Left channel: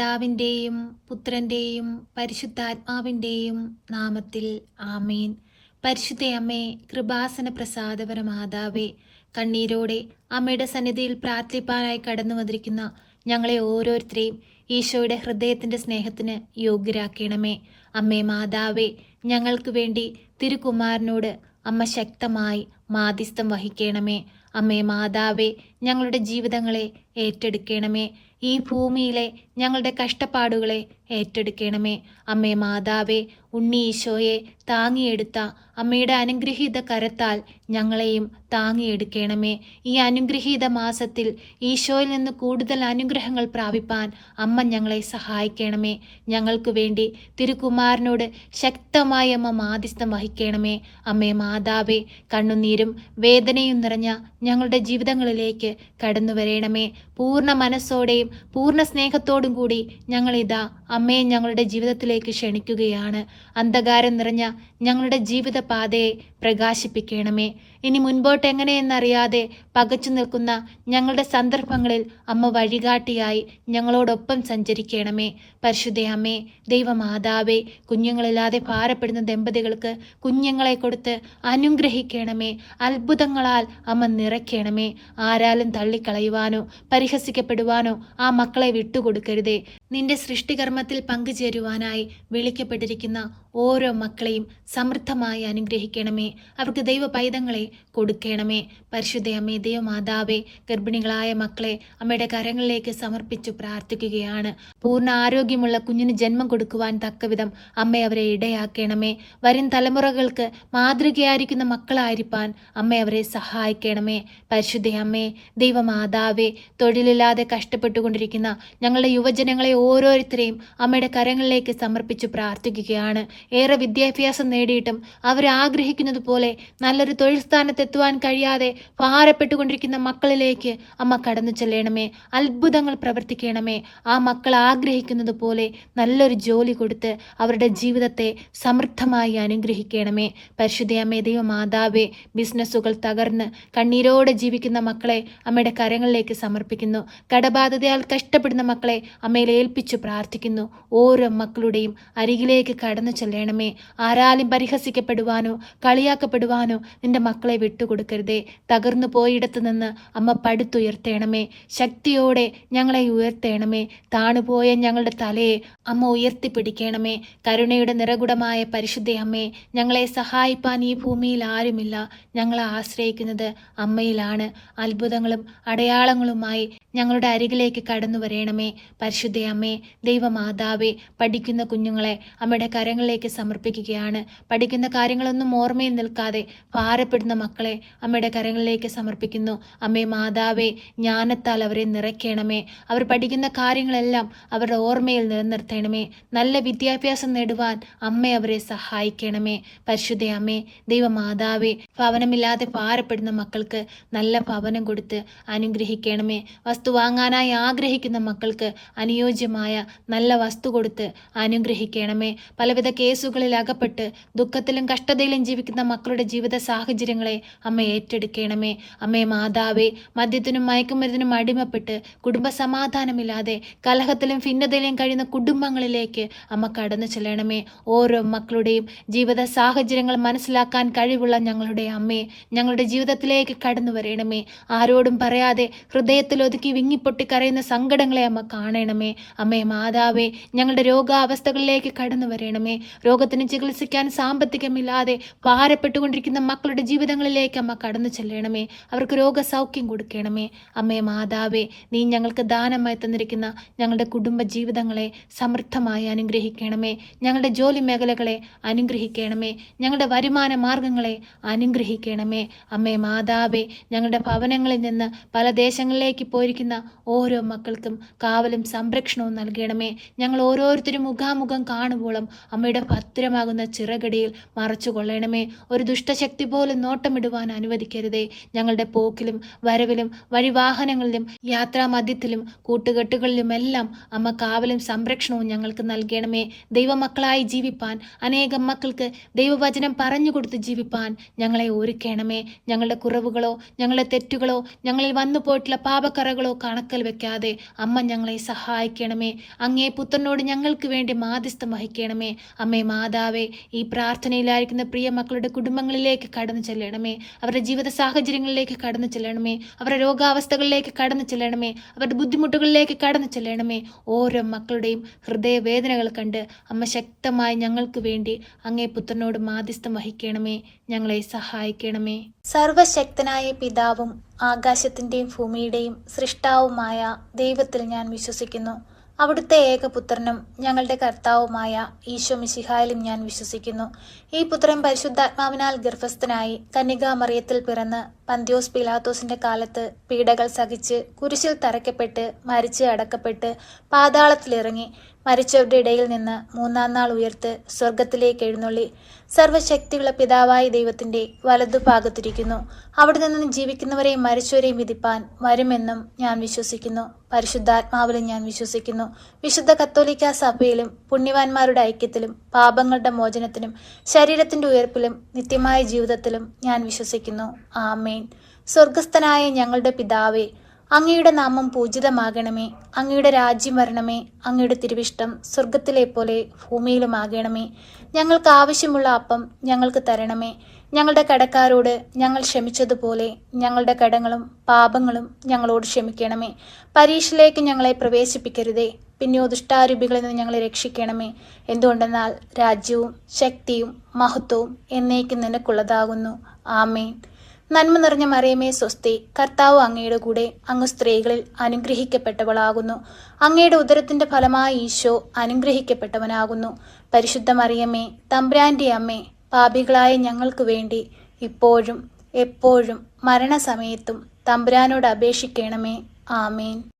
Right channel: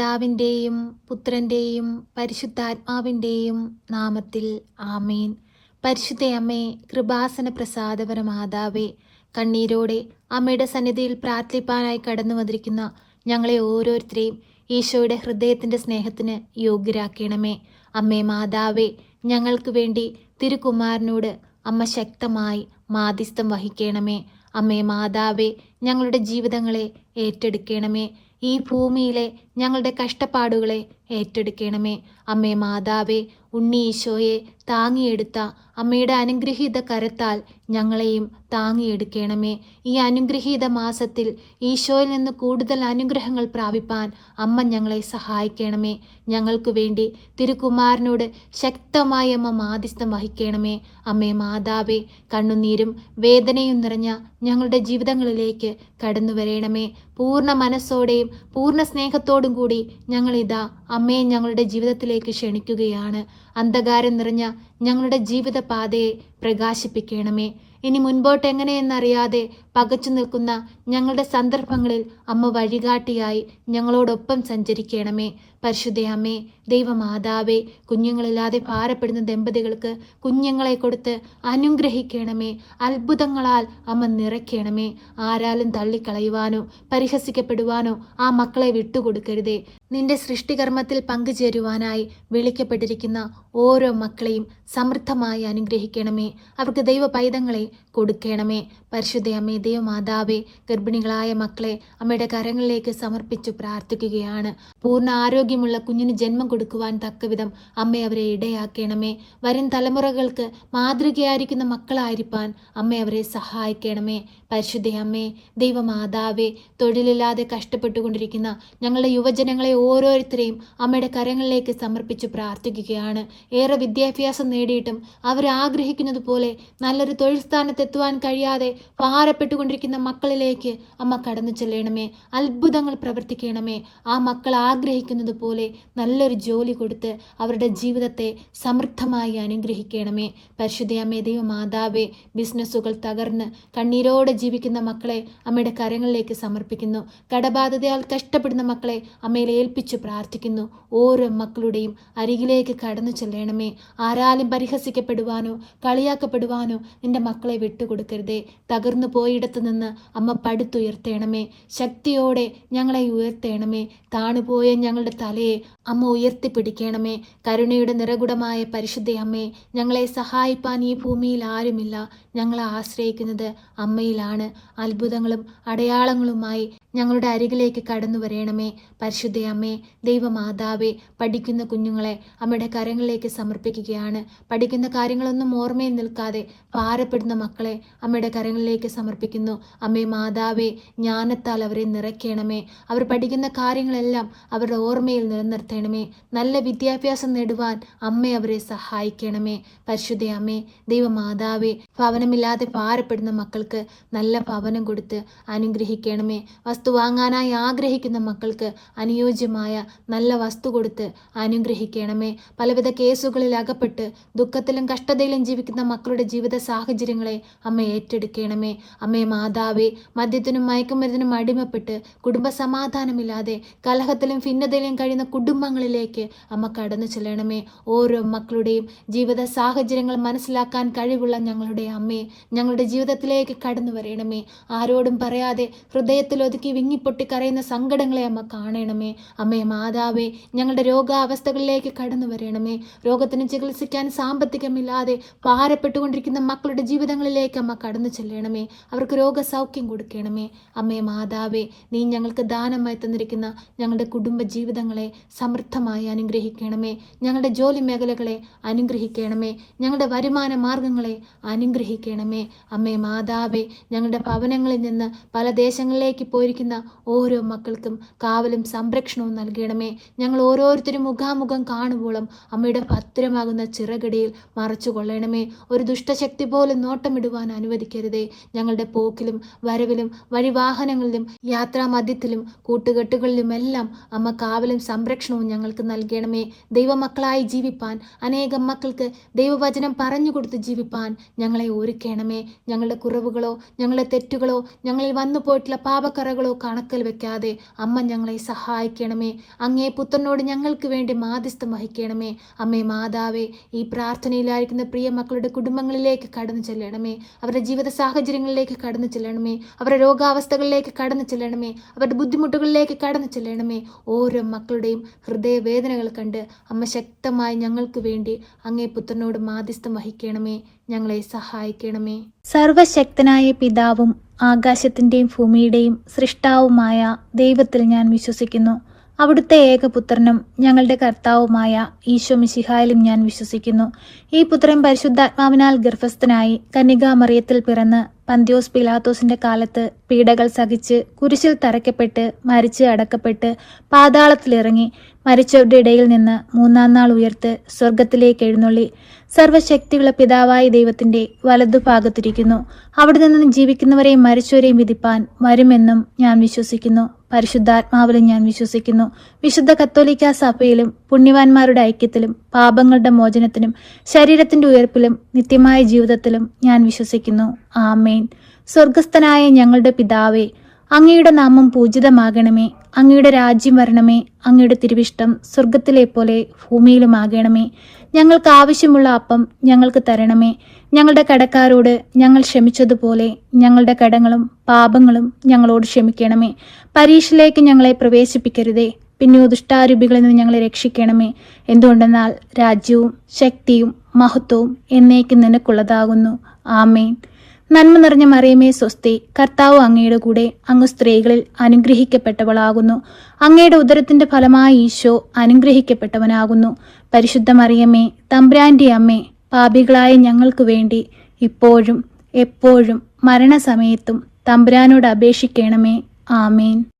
പിതാവിൻ്റെയും പുത്രൻ്റെയും പരിശുദ്ധാത്മാവിൻ്റെയും നാമത്തിൽ ആമേൻ. പരിശുദ്ധ അമ്മേ, കൃപാസന പ്രസാദപര മാതാവേ, കണ്ണീരോടെ അമ്മയുടെ സന്നിധിയിൽ പ്രാർത്ഥിപ്പാനായി കടന്നു വന്നിരിക്കുന്ന ഞങ്ങളെ ഓരോരുത്തരെയും ഈശോയുടെ ഹൃദയത്തിൻ്റെ സ്നേഹത്തിന് യോഗ്യരാക്കണമേ. അമ്മേ മാതാവേ, ഞങ്ങൾക്ക് വേണ്ടി തിരുക്കുമാരനോട് അമ്മ ശക്തമായി മാധ്യസ്ഥം വഹിക്കണമേ. അമ്മേ മാതാവേ, ഞങ്ങളുടെ ജീവിതങ്ങളെ ഏറ്റെടുക്കണമേ. ഈ ഭൂമിയിലെ ഞങ്ങളുടെ കഷ്ടപ്പാടുകളെ ഏറ്റെടുക്കണമേ. അമ്മേ മാതാവേ, ഉണ്ണി ഈശോയെ താങ്ങിയെടുത്ത അമ്മയുടെ അനുഗ്രഹീത കരത്താൽ ഞങ്ങളെയും താങ്ങിയെടുക്കണമേ. ഈ അനുഗ്രഹീത മാസത്തിൽ ഈശോയിൽ നിന്ന് കൂടുതൽ അനുഗ്രഹങ്ങൾ പ്രാപിപ്പാൻ അമ്മ ഞങ്ങളെ സഹായിക്കണമേ. ഞങ്ങൾക്ക് വേണ്ടി തിരുക്കുമാരനോട് ശക്തമായി അമ്മ മാധ്യസ്ഥം വഹിക്കണമേ. അമ്മേ മാതാവേ, കണ്ണുനീരും വേദനയും നിറഞ്ഞ ഞങ്ങളുടെ ജീവിതങ്ങളിലേക്ക് കടന്നു വരണമേ. പൂർണ്ണ മനസ്സോടെയും പൂർണ്ണ സ്നേഹത്തോടും കൂടി ഞങ്ങളിതാ അമ്മയെ ഞങ്ങളുടെ ജീവിതത്തിലേക്ക് ക്ഷണിക്കുകയാണ്. അന്ധകാരം നിറഞ്ഞ ഞങ്ങളുടെ ജീവിത പാതയെ പ്രകാശിപ്പിക്കണമേ. ഇനി മുൻപോട്ട് എങ്ങനെയെന്നറിയാതെ പകച്ചു നിൽക്കുന്ന ഞങ്ങളുടെ സന്ദർഭങ്ങളിൽ അമ്മ വഴികാട്ടിയായി ഞങ്ങളോടൊപ്പം സഞ്ചരിക്കണമേ. പരിശുദ്ധ അമ്മേ, ദൈവമാതാവേ, കുഞ്ഞുങ്ങളില്ലാതെ ഭാരപ്പെടുന്ന ദമ്പതികൾക്ക് കുഞ്ഞുങ്ങളെ കൊടുത്ത് അനുഗ്രഹിക്കണമേ. അത്ഭുതങ്ങളാൽ അമ്മ നിറയ്ക്കണമേ. ആരാലും തള്ളിക്കളയുവാനോ പരിഹസിക്കപ്പെടുവാനോ ആ മക്കളെ വിട്ടുകൊടുക്കരുതേ. നിന്റെ സൃഷ്ടികർമ്മത്തിൽ പങ്കുചേരുവാനായി വിളിക്കപ്പെട്ടിരിക്കുന്ന ഓരോ മക്കളെയും സമൃദ്ധമായി അനുഗ്രഹിക്കണമേ. അവർക്ക് ദൈവ പൈതങ്ങളെ കൊടുക്കണമേ. പരിശുദ്ധ അമ്മേ, ദൈവമാതാവേ, ഗർഭിണികളായ മക്കളെ അമ്മയുടെ കരങ്ങളിലേക്ക് സമർപ്പിച്ചു പ്രാർത്ഥിക്കുകയാണ്. പൂർണ്ണ ആരോഗ്യമുള്ള കുഞ്ഞിന് ജന്മം കൊടുക്കുവാൻ തക്കവിധം അമ്മ അവരെ ഇടയാക്കണമേ. വരും തലമുറകൾക്ക് മാതൃകയായിരിക്കുന്ന മക്കളായിരിക്കാൻ അമ്മ അവരെ സഹായിക്കണമേ. പരിശുദ്ധ അമ്മേ, ദൈവമാതാവേ, തൊഴിലില്ലാതെ കഷ്ടപ്പെട്ടുകൊണ്ടിരിക്കുന്ന ഞങ്ങളുടെ യുവജനങ്ങളെ ഓരോരുത്തരെയും അമ്മയുടെ കരങ്ങളിലേക്ക് സമർപ്പിച്ചു പ്രാർത്ഥിക്കുകയാണ്. ഏറെ വിദ്യാഭ്യാസം നേടിയിട്ടും അവർ ആഗ്രഹിക്കുന്നത് പോലെ നല്ലൊരു തൊഴിൽ സ്ഥാനത്തെത്തുവാൻ കഴിയാതെ ഭാരപ്പെട്ടുകൊണ്ടിരിക്കുന്ന മക്കളിലേക്ക് അമ്മ കടന്നു ചെല്ലണമേ. അത്ഭുതങ്ങൾ പ്രവർത്തിക്കണമേ. ആ മക്കൾ ആഗ്രഹിക്കുന്നത് പോലെ നല്ലൊരു ജോലി കൊടുത്ത് അവരുടെ ജീവിതത്തെ സമൃദ്ധമായി അനുഗ്രഹിക്കണമേ. പരിശുദ്ധ അമ്മേ, ദൈവമാതാവേ, ബിസിനസ്സുകൾ തകർന്ന് കണ്ണീരോടെ ജീവിക്കുന്ന മക്കളെ അമ്മയുടെ കരങ്ങളിലേക്ക് സമർപ്പിക്കുന്നു. കടബാധിതയാൽ കഷ്ടപ്പെടുന്ന മക്കളെ അമ്മയിൽ ഏൽപ്പിച്ചു പ്രാർത്ഥിക്കുന്നു. ഓരോ മക്കളുടെയും അരികിലേക്ക് കടന്നു ചെല്ലണമേ. ആരാലും പരിഹസിക്കപ്പെടുവാനോ കളിയാക്കപ്പെടുവാനോ നിന്റെ മക്കളെ വിട്ടുകൊടുക്കരുതേ. തകർന്നു പോയിടത്ത് നിന്ന് അമ്മ പടുത്തുയർത്തേണമേ. ശക്തിയോടെ ഞങ്ങളെ ഉയർത്തേണമേ. താണുപോയ ഞങ്ങളുടെ തലയെ അമ്മ ഉയർത്തിപ്പിടിക്കണമേ. കരുണയുടെ നിറകുടമായ പരിശുദ്ധ അമ്മേ, ഞങ്ങളെ സഹായിപ്പാൻ ഈ ഭൂമിയിൽ ആരുമില്ല. ഞങ്ങളെ ആശ്രയിക്കുന്നത് അമ്മയിലാണ്. അത്ഭുതങ്ങളും അടയാളങ്ങളുമായി ഞങ്ങളുടെ അരികിലേക്ക് കടന്നു വരേണമേ. പരിശുദ്ധ അമ്മേ, ദൈവമാതാവേ, പഠിക്കുന്ന കുഞ്ഞുങ്ങളെ അമ്മയുടെ കരങ്ങളിലേക്ക് സമർപ്പിക്കുകയാണ്. പഠിക്കുന്ന കാര്യങ്ങളൊന്നും ഓർമ്മയിൽ നിൽക്കാതെ ഭാരപ്പെടുന്ന മക്കളെ അമ്മയുടെ കരങ്ങളിലേക്ക് സമർപ്പിക്കുന്നു. അമ്മേ മാതാവേ, ജ്ഞാനത്താൽ അവരെ നിറയ്ക്കണമേ. അവർ പഠിക്കുന്ന കാര്യങ്ങളെല്ലാം അവരുടെ ഓർമ്മയിൽ നിലനിർത്തണമേ. നല്ല വിദ്യാഭ്യാസം നേടുവാൻ അമ്മ അവരെ സഹായിക്കണമേ. പരിശുദ്ധ അമ്മേ, ദൈവമാതാവേ, ഭവനമില്ലാതെ ഭാരപ്പെടുന്ന മക്കൾക്ക് നല്ല ഭവനം കൊടുത്ത് അനുഗ്രഹിക്കണമേ. വസ്തു വാങ്ങാനായി ആഗ്രഹിക്കുന്ന മക്കൾക്ക് അനുയോജ്യമായ നല്ല വസ്തു കൊടുത്ത് അനുഗ്രഹിക്കണമേ. പലവിധ കേസുകളിൽ അകപ്പെട്ട് ദുഃഖത്തിലും കഷ്ടതയിലും ജീവിക്കുന്ന മക്കളുടെ ജീവിത സാഹചര്യങ്ങളെ അമ്മ ഏറ്റെടുക്കണമേ. അമ്മേ മാതാവേ, മദ്യത്തിനും മയക്കുമരുന്നിനും അടിമപ്പെട്ട് കുടുംബ സമാധാനമില്ലാതെ കലഹത്തിലും ഭിന്നതയിലും കഴിയുന്ന കുടുംബങ്ങളിലേക്ക് അമ്മ കടന്നു ചെല്ലണമേ. ഓരോ മക്കളുടെയും ജീവിത സാഹചര്യങ്ങൾ മനസ്സിലാക്കാൻ കഴിവുള്ള ഞങ്ങളുടെ അമ്മയെ ഞങ്ങളുടെ ജീവിതത്തിലേക്ക് കടന്നു വരണമേ. ആരോടും പറയാതെ ഹൃദയത്തിൽ ഒതുക്കി വിങ്ങിപ്പൊട്ടി കരയുന്ന സങ്കടങ്ങളെ അമ്മ കാണണമേ. അമ്മേ മാതാവേ, ഞങ്ങളുടെ രോഗാവസ്ഥകളിലേക്ക് കടന്നു വരണമേ. രോഗത്തിന് ചികിത്സിക്കാൻ സാമ്പത്തികമില്ലാതെ ഭാരപ്പെട്ടുകൊണ്ടിരിക്കുന്ന മക്കളുടെ ജീവിതങ്ങളിലേക്ക് അമ്മ കടന്നു ചെല്ലണമേ. അവർക്ക് രോഗസൗഖ്യം കൊടുക്കണമേ. അമ്മേ മാതാവേ, നീ ഞങ്ങൾക്ക് ദാനമായി തന്നിരിക്കുന്ന ഞങ്ങളുടെ കുടുംബ ജീവിതങ്ങളെ സമൃദ്ധമായി അനുഗ്രഹിക്കണമേ. ഞങ്ങളുടെ ജോലി മേഖലകളെ അനുഗ്രഹിക്കണമേ. ഞങ്ങളുടെ വരുമാന മാർഗങ്ങളെ അനുഗ്രഹിക്കണമേ. അമ്മേ മാതാവേ, ഞങ്ങളുടെ ഭവനങ്ങളിൽ നിന്ന് പല ദേശങ്ങളിലേക്ക് പോയിരിക്കുന്ന ഓരോ മക്കൾക്കും കാവലും സംരക്ഷണവും നൽകണമേ. ഞങ്ങൾ ഓരോരുത്തരും മുഖാമുഖം കാണുമ്പോഴും അമ്മയുടെ ഭദ്രമാകുന്ന ചിറകടിയിൽ മറച്ചു കൊള്ളണമേ. ഒരു ദുഷ്ടശക്തി പോലും നോട്ടമിടുവാൻ അനുവദിക്കരുതേ. ഞങ്ങളുടെ പോക്കിലും വരവിലും വഴിവാഹനങ്ങളിലും യാത്രാമധ്യത്തിലും കൂട്ടുകെട്ടുകളിലുമെല്ലാം അമ്മ കാവലും സംരക്ഷണവും ഞങ്ങൾക്ക് നൽകണമേ. ദൈവമക്കളായി ജീവിപ്പാൻ, അനേകം മക്കൾക്ക് ദൈവവചനം പറഞ്ഞുകൊടുത്ത് ജീവിപ്പാൻ ഞങ്ങളെ ഒരുക്കണമേ. ഞങ്ങളുടെ കുറവുകളോ ഞങ്ങളുടെ തെറ്റുകളോ ഞങ്ങളിൽ വന്നു പോയിട്ടുള്ള പാപക്കറകളോ കണക്കിൽ വെക്കാതെ അമ്മ ഞങ്ങളെ സഹായിക്കണമേ. അങ്ങേ പുത്രനോട് ഞങ്ങൾക്ക് വേണ്ടി മാധ്യസ്ഥം വഹിക്കണമേ. അമ്മേ മാതാവേ, ഈ പ്രാർത്ഥനയിലായിരിക്കുന്ന പ്രിയ മക്കളുടെ കുടുംബങ്ങളിലേക്ക് കടന്നു ചെല്ലണമേ. അവരുടെ ജീവിത സാഹചര്യങ്ങളിലേക്ക് കടന്നു ചെല്ലണമേ. അവരുടെ രോഗാവസ്ഥകളിലേക്ക് കടന്നു ചെല്ലണമേ. അവരുടെ ബുദ്ധിമുട്ടുകളിലേക്ക് കടന്നു ചെല്ലണമേ. ഓരോ മക്കളുടെയും ഹൃദയവേദനകൾ കണ്ട് അമ്മ ശക്തമായി ഞങ്ങൾക്ക് വേണ്ടി അങ്ങേ പുത്രനോട് മാധ്യസ്ഥം വഹിക്കണമേ. ഞങ്ങളെ സഹായിക്കണമേ. സർവശക്തനായ പിതാവും ആകാശത്തിൻ്റെയും ഭൂമിയുടെയും സൃഷ്ടാവുമായ ദൈവത്തിൽ ഞാൻ വിശ്വസിക്കുന്നു. അവിടുത്തെ ഏകപുത്രനും ഞങ്ങളുടെ കർത്താവുമായ ഈശോ മിശിഹായിലും ഞാൻ വിശ്വസിക്കുന്നു. ഈ പുത്രൻ പരിശുദ്ധാത്മാവിനാൽ ഗർഭസ്ഥനായി കന്യകാമറിയത്തിൽ പിറന്ന് പന്ത്യോസ് പിലാത്തോസിന്റെ കാലത്ത് പീഡകൾ സഹിച്ച് കുരിശിൽ തറയ്ക്കപ്പെട്ട് മരിച്ച് അടക്കപ്പെട്ട് പാതാളത്തിലിറങ്ങി മരിച്ചവരുടെ ഇടയിൽ നിന്ന് മൂന്നാം നാൾ ഉയർത്ത് സ്വർഗത്തിലേക്ക് എഴുന്നള്ളി സർവശക്തിയുള്ള പിതാവായ ദൈവത്തിന്റെ വലതുഭാഗത്തിരിക്കുന്നു. അവിടെ നിന്ന് ജീവിക്കുന്നവരെയും മരിച്ചവരെയും വിധിപ്പാൻ വരുമെന്നും ഞാൻ വിശ്വസിക്കുന്നു. പരിശുദ്ധാത്മാവിലും ഞാൻ വിശ്വസിക്കുന്നു. വിശുദ്ധ കത്തോലിക്ക സഭയിലും പുണ്യവാന്മാരുടെ ഐക്യത്തിലും പാപങ്ങളുടെ മോചനത്തിനും ശരീരത്തിന്റെ ഉയർപ്പിലും നിത്യമായ ജീവിതത്തിലും ഞാൻ വിശ്വസിക്കുന്നു. ആമേൻ. സ്വർഗസ്ഥനായ ഞങ്ങളുടെ പിതാവേ, അങ്ങയുടെ നാമം പൂജിതമാകണമേ. അങ്ങയുടെ രാജ്യം വരണമേ. അങ്ങയുടെ തിരുവിഷ്ടം സ്വർഗത്തിലെ പോലെ ഭൂമിയിലുമാകണമേ. ഞങ്ങൾക്ക് ആവശ്യമുള്ള അപ്പം ഞങ്ങൾക്ക് തരണമേ. ഞങ്ങളുടെ കടക്കാരോട് ഞങ്ങൾ ക്ഷമിച്ചതുപോലെ ഞങ്ങളുടെ കടങ്ങളും പാപങ്ങളും ഞങ്ങളോട് ക്ഷമിക്കണമേ. പരീക്ഷയിലേക്ക് ഞങ്ങളെ പ്രവേശിപ്പിക്കരുതേ, പിന്നെ ദുഷ്ടാരൂപികളിൽ നിന്ന് ഞങ്ങളെ രക്ഷിക്കണമേ. എന്തുകൊണ്ടെന്നാൽ രാജ്യവും ശക്തിയും മഹത്വവും എന്നേക്കും നിനക്കുള്ളതാകുന്നു. ആമേൻ. നന്മ നിറഞ്ഞ മറിയമേ സ്വസ്തി, കർത്താവ് അങ്ങയുടെ കൂടെ, അങ്ങ് സ്ത്രീകളിൽ അനുഗ്രഹിക്കപ്പെട്ടവളാകുന്നു. അങ്ങയുടെ ഉദരത്തിന്റെ ഫലമായി ഈശോ അനുഗ്രഹിക്കപ്പെട്ടവനാകുന്നു. പരിശുദ്ധ മറിയമേ, തമ്പുരാന്റെ അമ്മേ, പാപികളായ ഞങ്ങൾക്ക് വേണ്ടി ഇപ്പോഴും എപ്പോഴും മരണസമയത്തും തമ്പുരാനോട് അപേക്ഷിക്കണമേ. ആമേൻ.